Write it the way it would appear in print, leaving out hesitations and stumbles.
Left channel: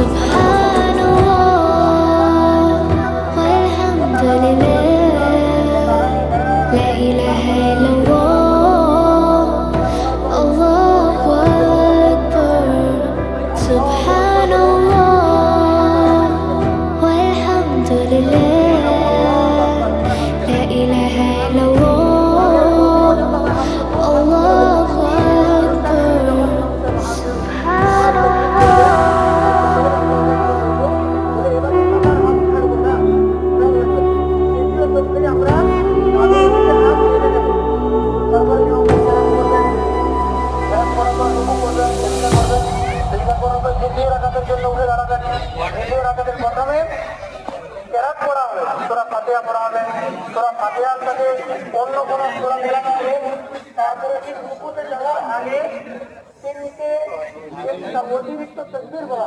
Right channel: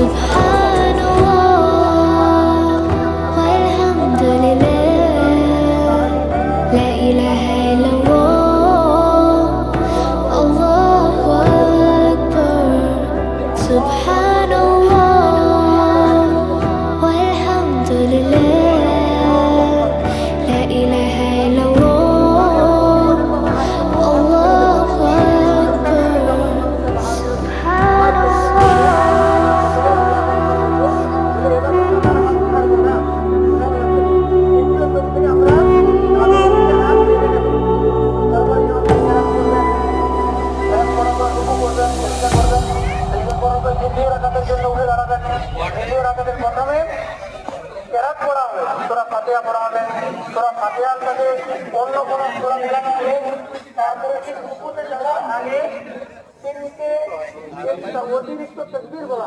Subhanallah walhamdulillah, la ilaha illallah, Allahu akbar. Subhanallah walhamdulillah, la ilaha illallah, Allahu akbar. Subhanallah. অন্য কোনো সূরা মেলানো হবে, তারপরে রুকুতে যাওয়ার আগে তিনটে অতিরিক্ত তাকবীর বলা